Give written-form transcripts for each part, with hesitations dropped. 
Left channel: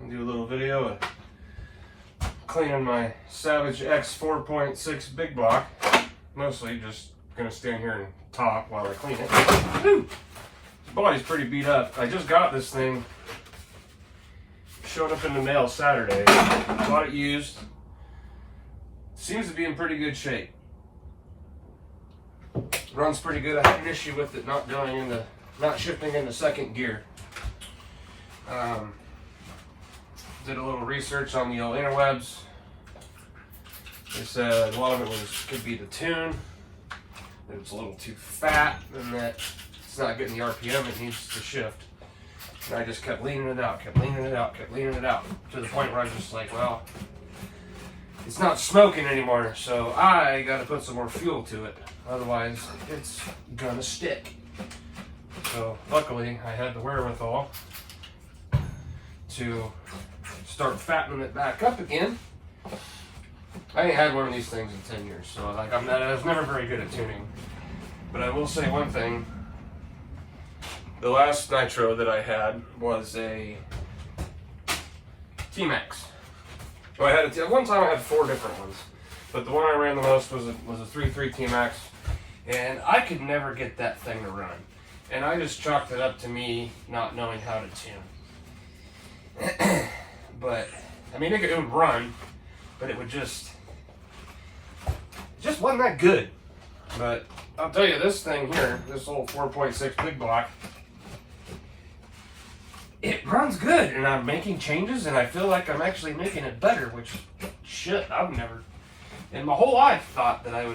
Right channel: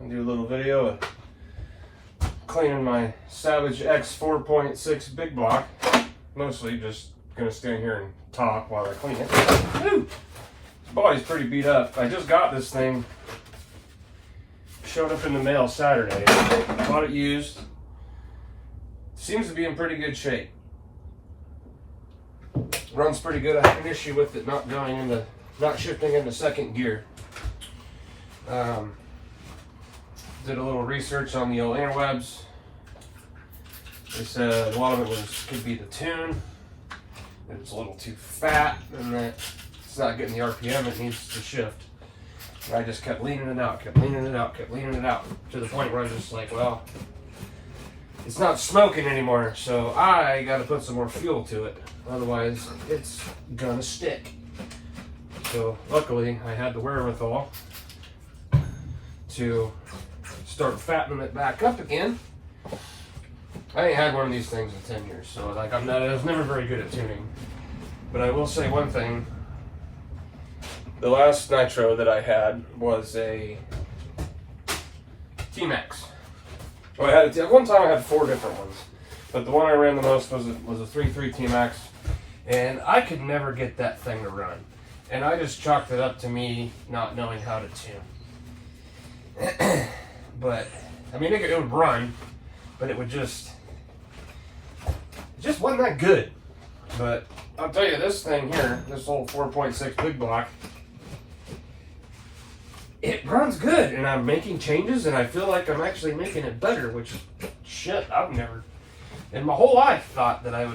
I'll do a little video of cleaning my SavageX 4.6 big block. Mostly just gonna stand here and talk while I clean it. Woo! This body's pretty beat up. I just got this thing. Showed up in the mail Saturday. Bought it used. Seems to be in pretty good shape. Runs pretty good. I had an issue with it not shifting into second gear. Did a little research on the old interwebs. They said a lot of it could be the tune. It's a little too fat, and that it's not getting the RPM it needs to shift. And I just kept leaning it out, kept leaning it out, kept leaning it out, to the point where I was just like, well, it's not smoking anymore, so I got to put some more fuel to it. Otherwise, it's gonna stick. So luckily, I had the wherewithal to start fattening it back up again. I ain't had one of these things in 10 years, so like I was never very good at tuning. But I will say one thing. The last nitro that I had was a T-Max. Well, at one time I had 4 different ones, but the one I ran the most was a 3.3 T-Max, and I could never get that thing to run. And I just chalked it up to me not knowing how to tune. But I mean, it would run, but it would just wasn't that good. But I'll tell you, this thing here, this old 4.6 big block, it runs good, and I'm making changes, and I feel like I'm actually making it better, which, shit, I've never, in my whole life, thought that I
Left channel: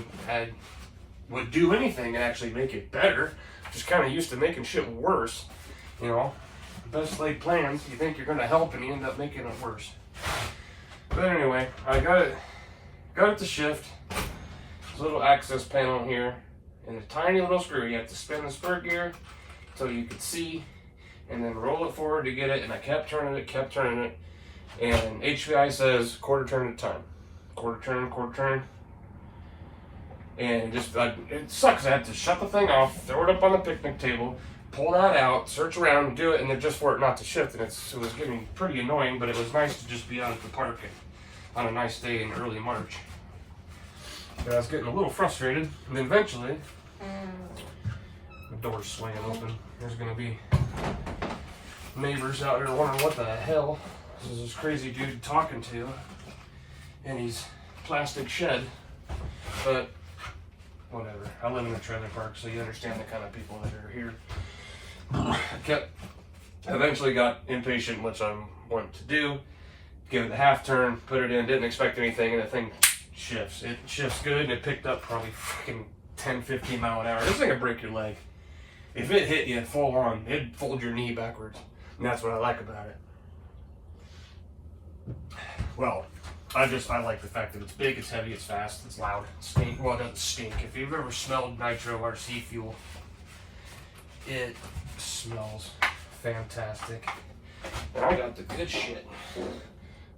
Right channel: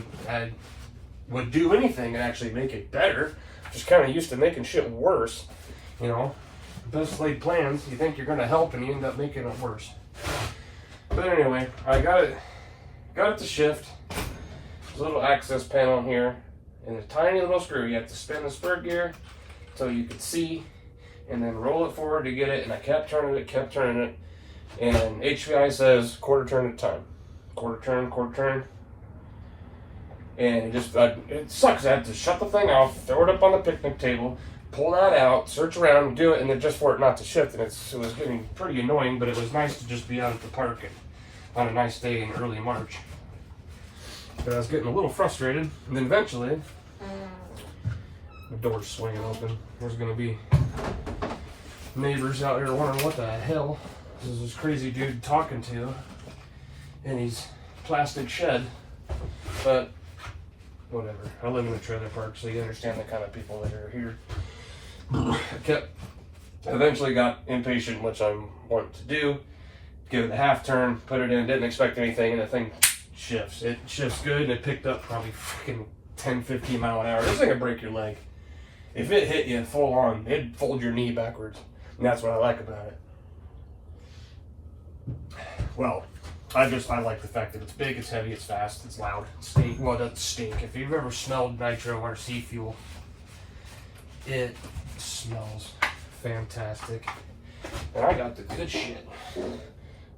would do anything and actually make it better. Just kind of used to making shit worse, you know. Best laid plans, you think you're going to help, and you end up making it worse. But anyway, I got it to shift. There's a little access panel here, and a tiny little screw. You have to spin the spur gear so you could see, and then roll it forward to get it. And I kept turning it, and HPI says quarter turn at a time. Quarter turn. And it sucks. I had to shut the thing off, throw it up on the picnic table, pull that out, search around, and do it, and then just for it not to shift. And it was getting pretty annoying, but it was nice to just be out at the park on a nice day in early March. But I was getting a little frustrated, and then eventually, the door's swaying open. There's going to be neighbors out here wondering what the hell is this crazy dude talking to in his plastic shed. But whatever. I live in a trailer park, so you understand the kind of people that are here. I eventually got impatient, which I wanted to do. Give it a half turn, put it in, didn't expect anything, and the thing shifts. It shifts good, and it picked up probably fucking 10, 15 mile an hour. This thing could break your leg. If it hit you full on, it'd fold your knee backwards. And that's what I like about it. Well, I like the fact that it's big, it's heavy, it's fast, it's loud, it stinks. Well, it doesn't stink. If you've ever smelled nitro RC fuel, it smells fantastic. And I got the good shit.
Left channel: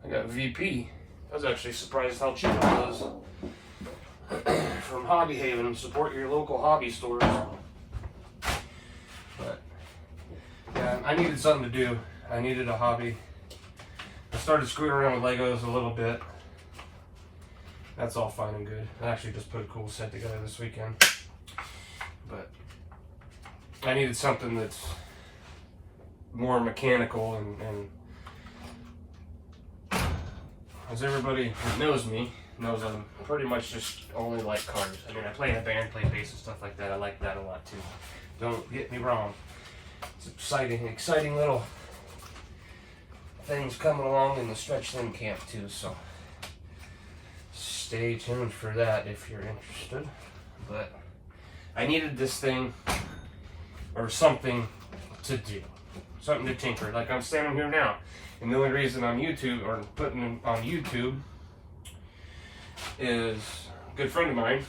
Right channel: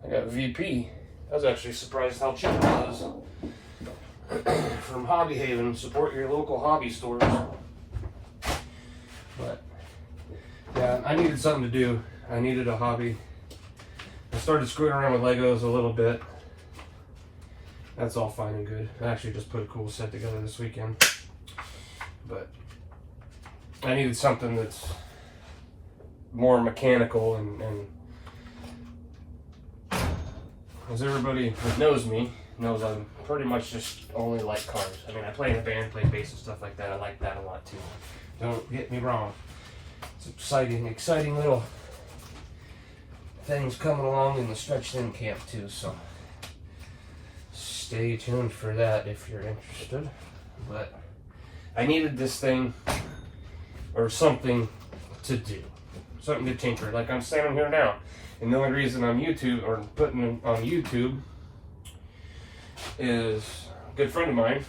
I got VP. I was actually surprised how cheap it was. From Hobby Haven, support your local hobby stores. But yeah, I needed something to do. I needed a hobby. I started screwing around with Legos a little bit. That's all fine and good. I actually just put a cool set together this weekend. But I needed something that's more mechanical and as everybody that knows me knows, I'm pretty much just only like cars. I mean, I play in a band, play bass and stuff like that. I like that a lot too. Don't get me wrong. It's exciting little things coming along in the Stretch Thin camp too, so stay tuned for that if you're interested. But I needed this thing or something to do, something to tinker. Like I'm standing here now, and the only reason I'm putting it on YouTube is a good friend of mine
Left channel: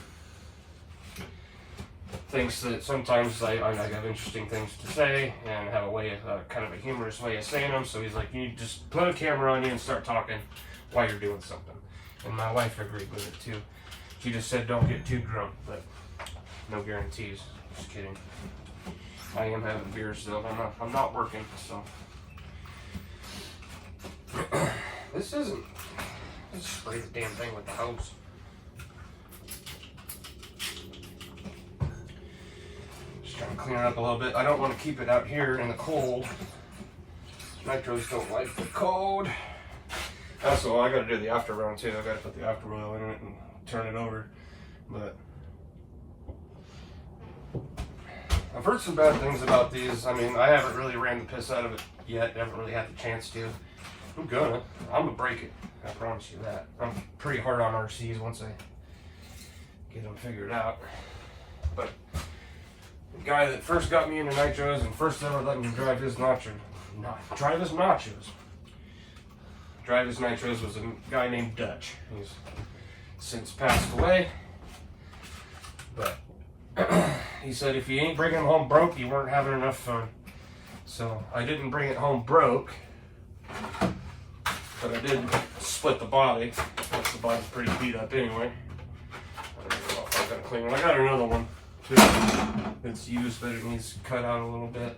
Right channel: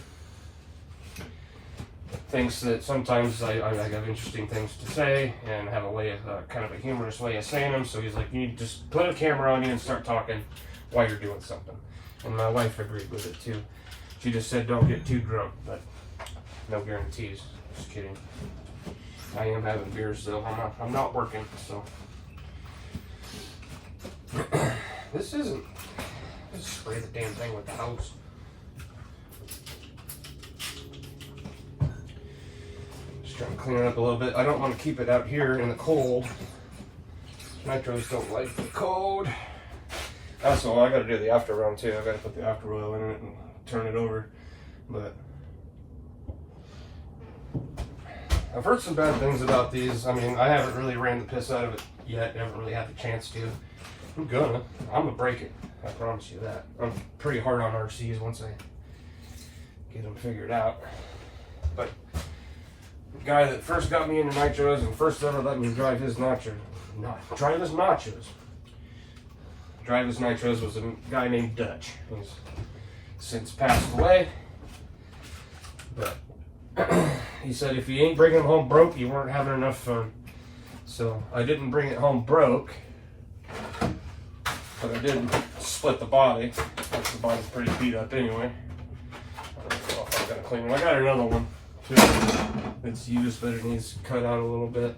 thinks that sometimes I have interesting things to say and have a way of kind of a humorous way of saying them. So he's like, you just put a camera on you and start talking while you're doing something. And my wife agreed with it too. She just said don't get too drunk, but no guarantees. Just kidding. I am having beers though. I'm not working, so. This isn't. Let's spray the damn thing with the hose. Just trying to clean it up a little bit. I don't want to keep it out here in the cold. Nitros don't like the cold. Also, I got to do the after run too. I got to put the after oil in it and turn it over. But I've heard some bad things about these. I mean, I haven't really ran the piss out of it yet. I haven't really had the chance to. I'm gonna break it. I promise you that. I'm pretty hard on RCs once I get them figured out. But the guy that first got me into nitros and first ever let me drive his nitros was a guy named Dutch. He's since passed away. But he said if you ain't bringing it home broke, you weren't having enough fun. So I didn't bring it home broke, but I did split the body, which the body's pretty beat up anyway. I don't know if I'm gonna clean it. I got another one too. It's used, but it needs cut out a little bit.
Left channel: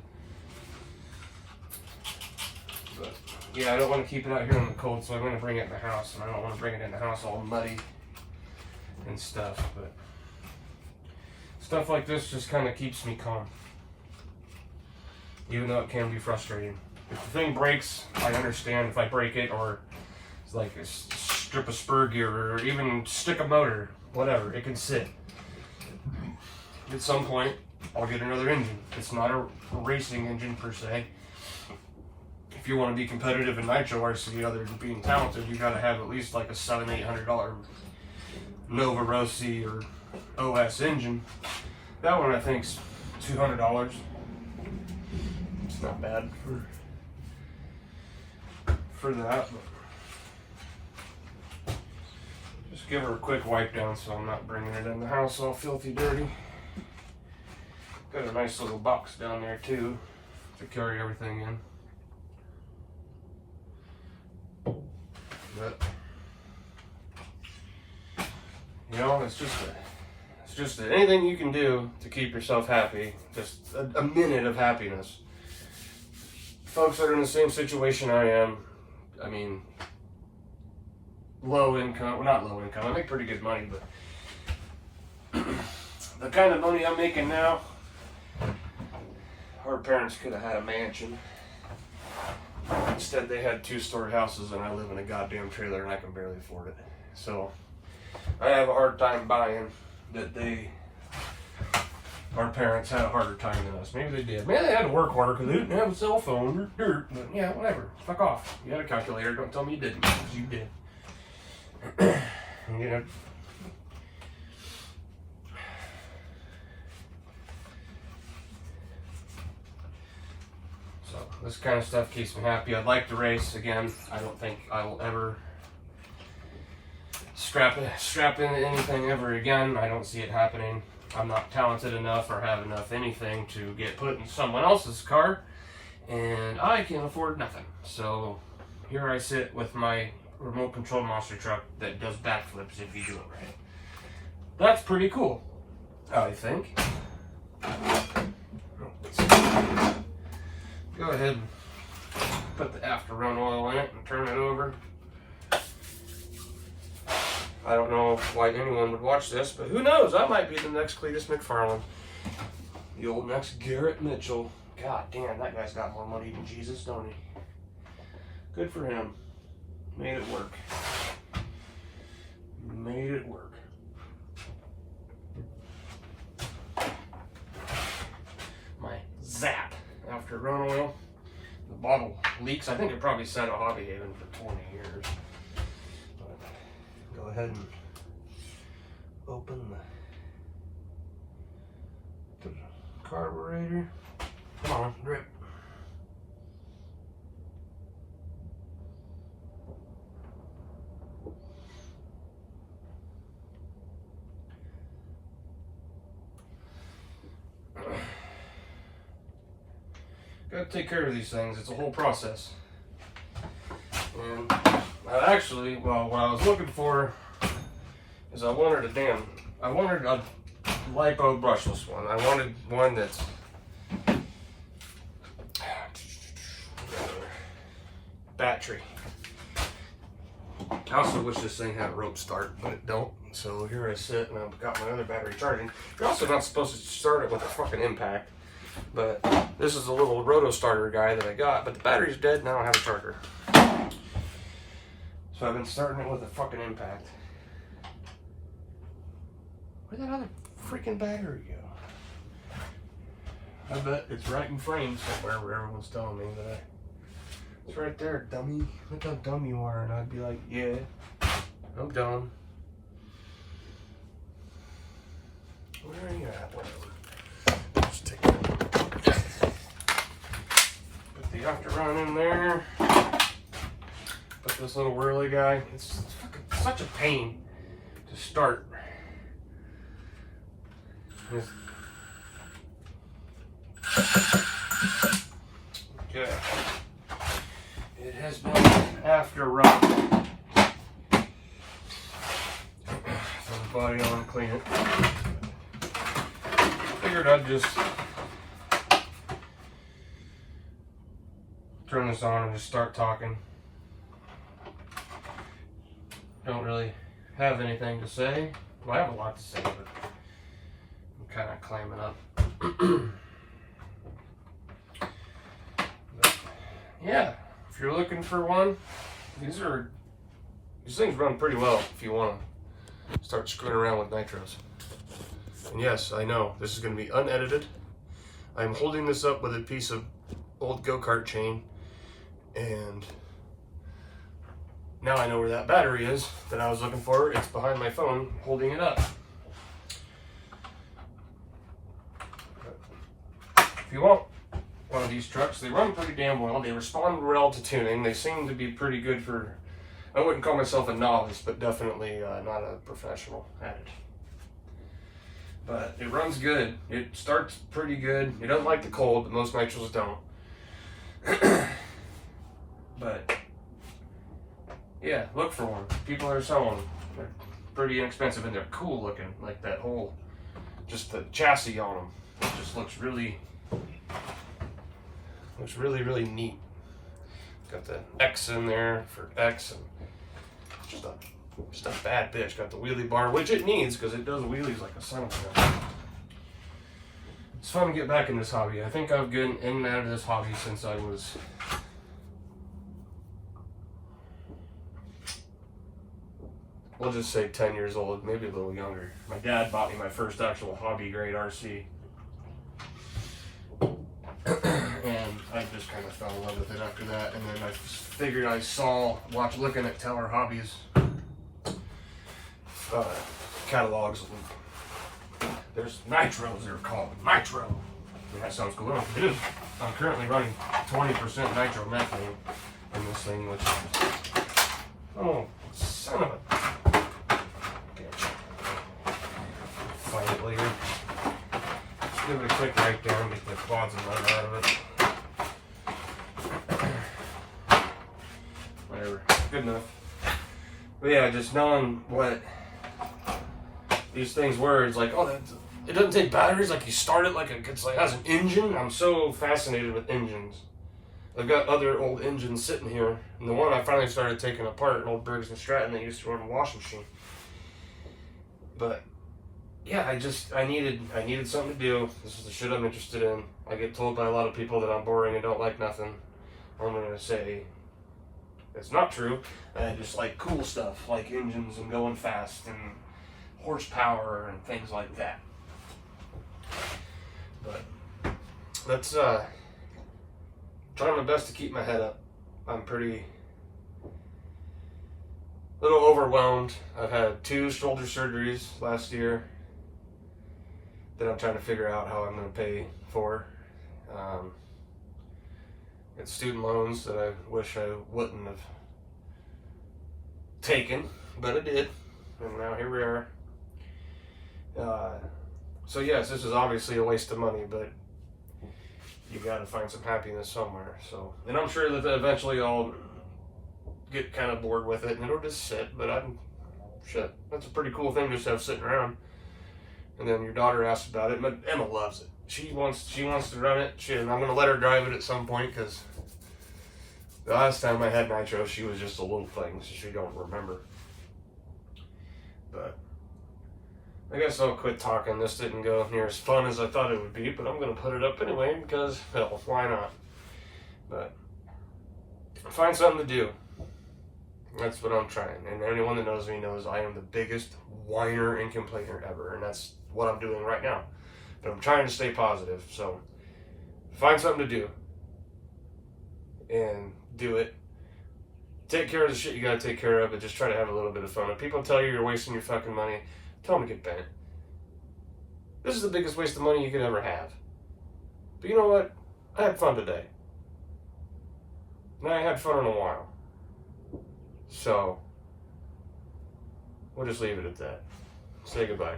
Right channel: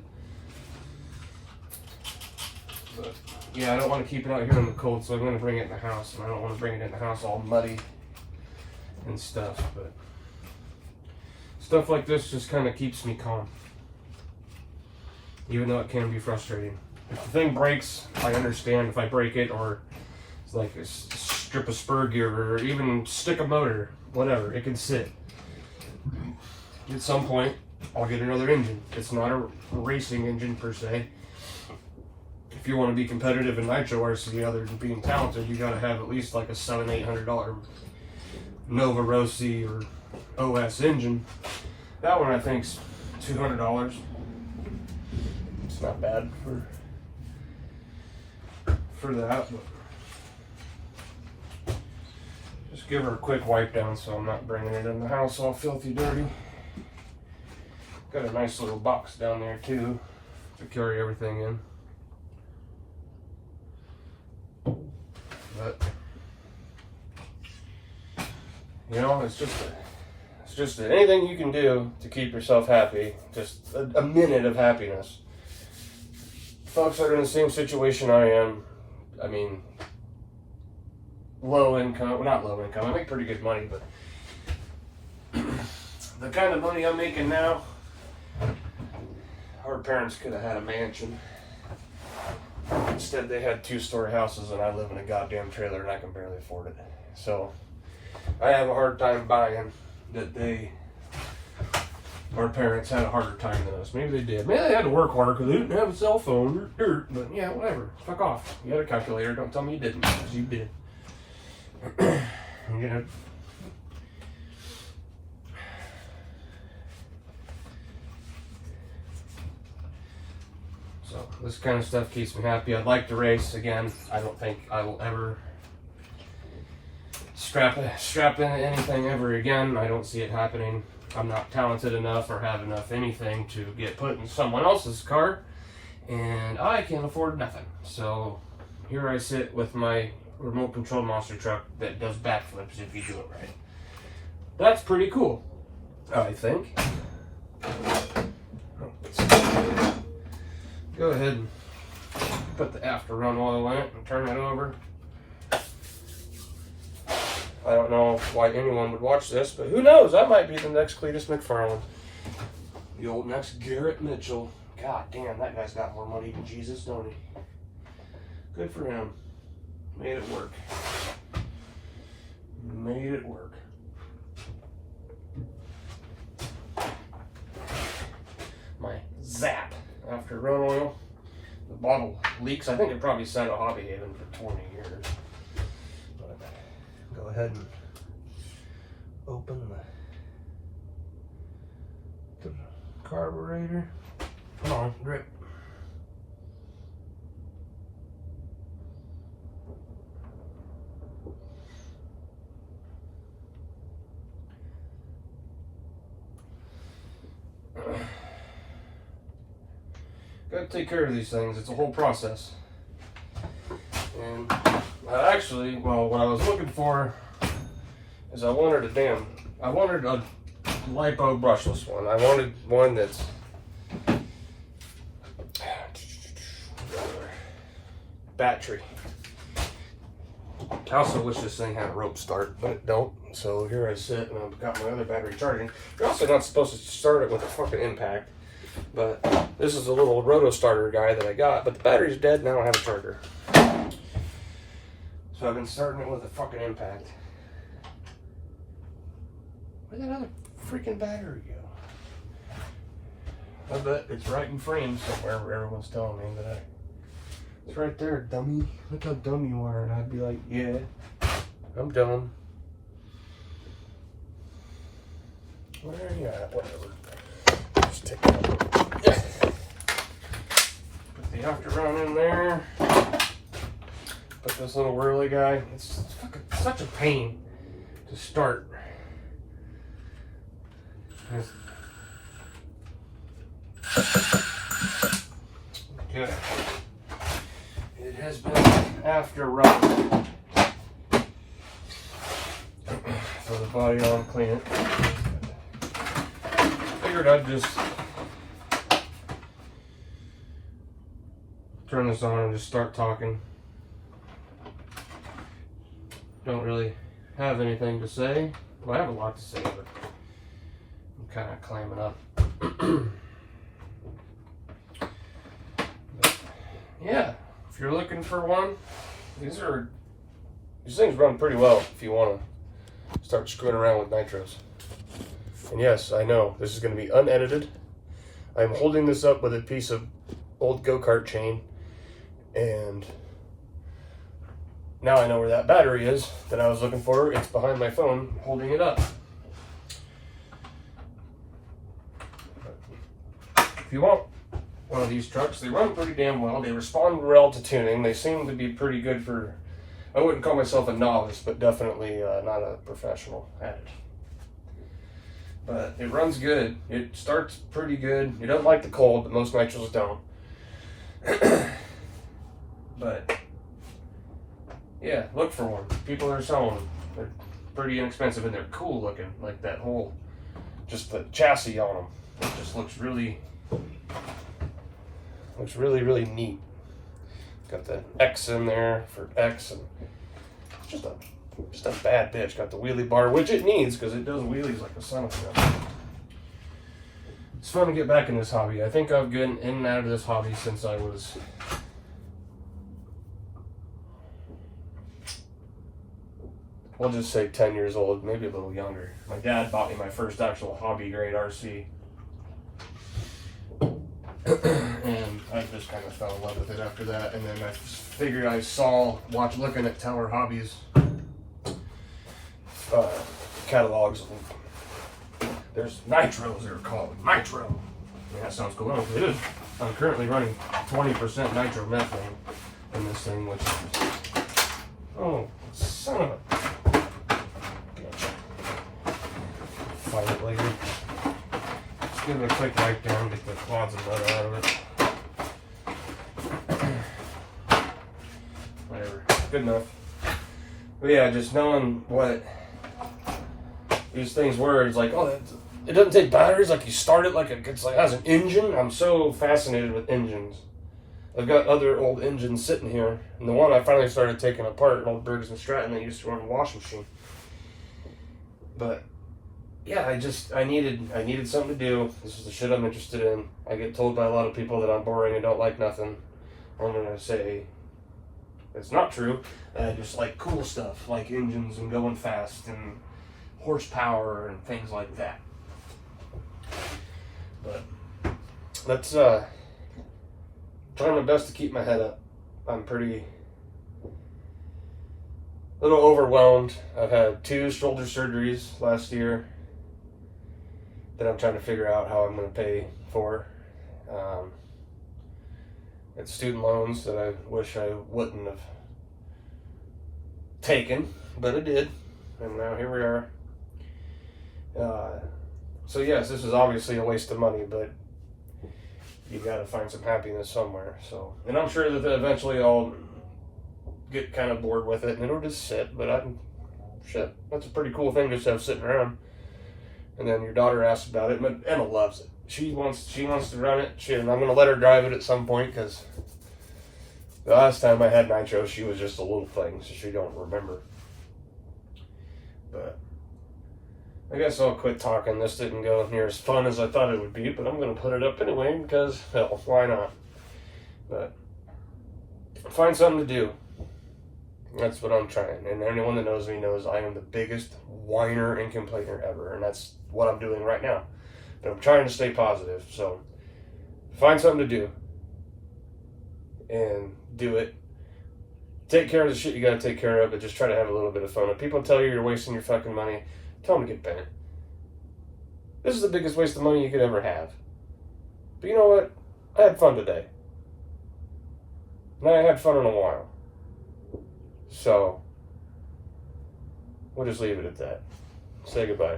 But yeah, I don't want to keep it out here in the cold, so I'm going to bring it in the house, and I don't want to bring it in the house all muddy and stuff. But stuff like this just kind of keeps me calm, even though it can be frustrating. If the thing breaks, I understand if I break it, or it's like a strip of spur gear, or even stick a motor, whatever, it can sit. At some point, I'll get another engine. It's not a racing engine per se. If you want to be competitive in nitro RC, other than being talented, you got to have at least like a $700-800 Nova Rossi or OS engine. That one I think's $200. It's not bad for that. But just give her a quick wipe down so I'm not bringing it in the house all filthy dirty. Got a nice little box down there too to carry everything in. But you know, it's just anything you can do to keep yourself happy. Just a minute of happiness. Folks that are in the same situation I am, I mean, low income, well, not low income, I make pretty good money, but the kind of money I'm making now, our parents could have had a mansion. Instead, they had 2-story houses, and I live in a goddamn trailer, and I can barely afford it. So, I have a hard time buying that our parents had a harder time than us. Maybe they did. Maybe they had to work harder because they didn't have a cell phone or dirt. But yeah, whatever. Fuck off. You had a calculator. Don't tell me you didn't, because you did. You know. So this kind of stuff keeps me happy. I'd like to race again. I don't think I will ever strap into anything ever again. I don't see it happening. I'm not talented enough or have enough anything to get put in someone else's car, and I can't afford nothing. So here I sit with my remote control monster truck that does backflips if you do it right. That's pretty cool, I think. Go ahead and put the after run oil in it and turn it over. I don't know why anyone would watch this, but who knows? I might be the next Cletus McFarland. The old next Garrett Mitchell. God damn, that guy's got more money than Jesus, don't he? Good for him. Made it work. Made it work. My Zap after run oil. The bottle leaks. I think it probably sat at Hobby Haven for 20 years. But go ahead and open the carburetor. Come on, drip. Gotta take care of these things. It's a whole process. And actually, well, what I was looking for is I wanted a lipo brushless one. I wanted one that's battery. I also wish this thing had a rope start, but it don't. So here I sit and I've got my other battery charging. You're also not supposed to start it with a fucking impact. But this is a little roto starter guy that I got, but the battery's dead and I don't have a charger. So I've been starting it with a fucking impact. Where'd that other freaking battery go? I bet it's right in frame somewhere where everyone's telling me that it's right there, dummy. Look how dumb you are. And I'd be like, yeah, I'm dumb. Where are you at? Whatever. Just take it out. Put the after-run in there. Put this little whirly guy. It's fucking such a pain to start. Okay. It has been after-run. Throw the body on, clean it. Figured I'd just turn this on and just start talking. Don't really have anything to say. Well, I have a lot to say, but I'm kind of climbing up. But yeah, if you're looking for one, these things run pretty well if you want to start screwing around with nitros. And yes, I know, this is going to be unedited. I'm holding this up with a piece of old go-kart chain, and now I know where that battery is that I was looking for. It's behind my phone, holding it up. If you want one of these trucks, they run pretty damn well. They respond well to tuning. They seem to be pretty good for, I wouldn't call myself a novice, but definitely not a professional at it. But it runs good. It starts pretty good. It doesn't like the cold, but most nitros don't. But yeah, look for one. People are selling them. They're pretty inexpensive and they're cool looking. Like that whole, just the chassis on them. It just looks really, really neat. Got the X in there for X, and just a bad bitch. Got the wheelie bar, which it needs because it does wheelies like a son of a gun. It's fun to get back in this hobby. I think I've been in and out of this hobby since I was we'll just say 10 years old, maybe a little younger. My dad bought me my first actual hobby grade RC. And I just kind of fell in love with it after that. And then I figured I looking at Teller Hobbies catalogs. There's nitros, they're called nitro. Yeah, that sounds cool. It is. I'm currently running 20% nitromethane in this thing, which is, oh, son of a bitch. Find it later. Just give it a quick break down, get the clods and mud out of it. Whatever, good enough. But yeah, just knowing what these things were, it's like, oh, it doesn't take batteries. Like you start it like it has an engine. I'm so fascinated with engines. I've got other old engines sitting here, and the one I finally started taking apart, an old Briggs and Stratton that used to run a washing machine. But yeah, I needed something to do. This is the shit I'm interested in. I get told by a lot of people that I'm boring and don't like nothing. I'm gonna say it's not true. I just like cool stuff, like engines and going fast and horsepower and things like that. But let's trying my best to keep my head up. I'm pretty little overwhelmed. I've had 2 shoulder surgeries last year that I'm trying to figure out how I'm going to pay for. It's student loans that I wish I wouldn't have taken, but I did, and now here we are. So yes, this is obviously a waste of money, but you got to find some happiness somewhere. So, and I'm sure that eventually I'll get kind of bored with it and it'll just sit. But shit, that's a pretty cool thing just to have sitting around. And then your daughter asks about it, but Emma loves it. She wants to run it. And I'm gonna let her drive it at some point because The last time I had Nitro, she was just a little thing, so she don't remember. But I guess I'll quit talking. This didn't go near as fun as I thought it would be, but I'm going to put it up anyway because, hell, why not? But find something to do. That's what I'm trying. And anyone that knows me knows I am the biggest whiner and complainer ever. And that's what I'm doing right now. But I'm trying to stay positive. So find something to do. And do it. Take care of the shit you got to take care of, but just try to have a little bit of fun. If people tell you you're wasting your fucking money, tell them to get bent. This is the biggest waste of money you could ever have. But you know what? I had fun today. And I had fun in a while. So, we'll just leave it at that. Say goodbye.